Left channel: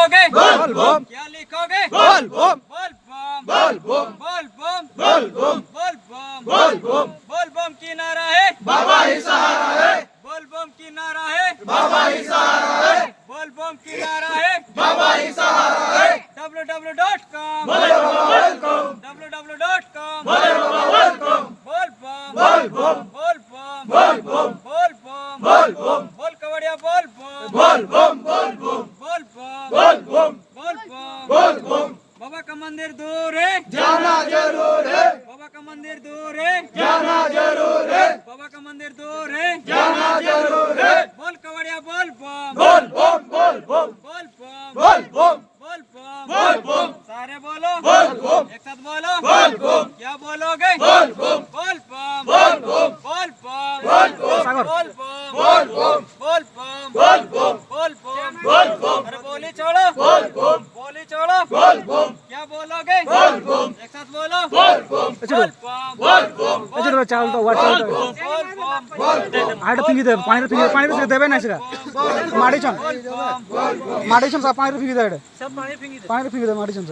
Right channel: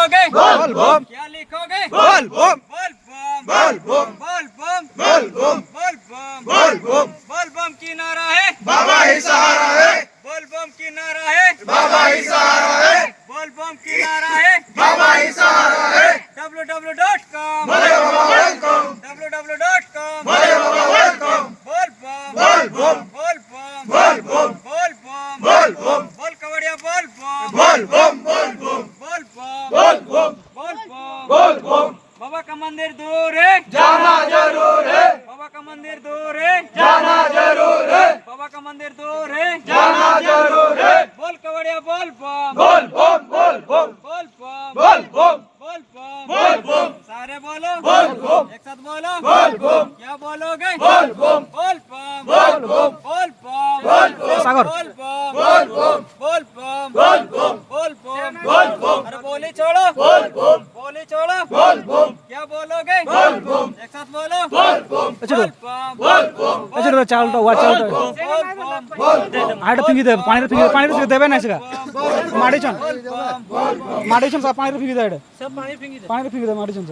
बोल बम, क्या लिखोगे? बोल बम, बोल बम, बोल बम, बोल बम, बोल बम, बोल बम, बोल बम। बोल बम की नारा है, बाबा ही सहारा है, बोल बम की नारा है, बाबा ही सहारा है, बोल बम की नारा है। बाबा ही सहारा है। www.com भोले बाबा वेलकम, www.com भोले बाबा वेलकम। बोल बम, बोल बम, बोल बम, बोल बम, बोल बम, बोल बम, बोल कवड़िया बोल बम, बोल बम, बोल बम, बोल बम, बोल बम, बोल बम। बोल बम। बाबा का मंदिर दूर है, जाना जरूर है, बाबा का मंदिर दूर है, जाना जरूर है, बाबा का मंदिर दूर है। जाना जरूर है। बोल कवड़िया बोल बम, बोल बम, बोल बम, बोल बम, बोल बम, बोल बम, बोल बम, सारे बोलो, बोल बम, एक साथ बोलो, बोल बम, क्या बोलोगे? बोल बम, बोल बम, बोल बम, बोल बम, बोल बम, बोल बम, बोल बम, बोल बम, बोल बम, बोल बम, बोल बम, अरे बोली छोड़ो, बोल बम, बोली छोड़ो, बोल बम, क्या बोलोगे? बोल बम, एक साथ बोलो, बोल बम, बोल बम, बोल बम, এছাড়া চালটা ওয়া চালটা बोल बम, আড়টা ফিঙ্গি দেবে পানিতে দেবে না সেটা মাটিছন बोल बम, মাটিছন পানিতে ফিঙ্গি দেয় এটা পানিতে ফিঙ্গি দেবে মাটিছন